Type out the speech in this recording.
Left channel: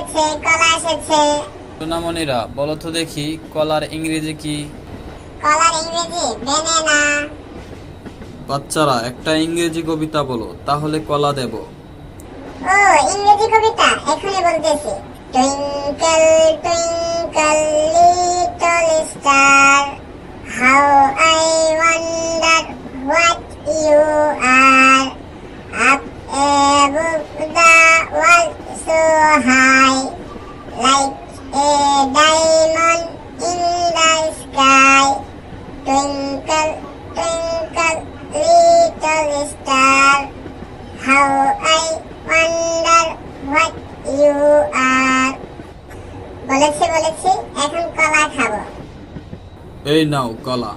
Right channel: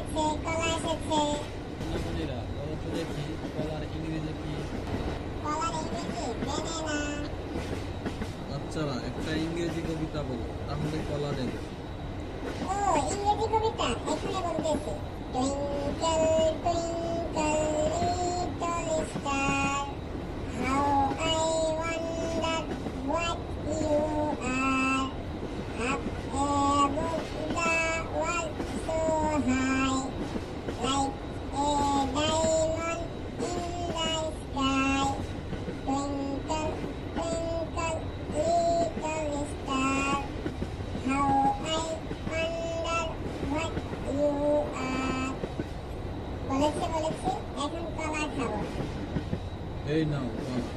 এসেছে, কলা এসেছে। সোনামণিরা বলো তো দেখি কলার ইংরেজি কি? কলার ইংরেজি ব্যানানা। বাচ্চারা একটা ইংরেজি কবিতা বলো, তাহলে কলা দেব। ও, ইংরেজি কবিতা এখনই বলতেছি। Twinkle twinkle little star, how I wonder what you are, up above the world so high, like a diamond in the sky. Twinkle, twinkle, little star, how I wonder what you are. বলেছি, এখন কলা খাবো। এই নাও কলা।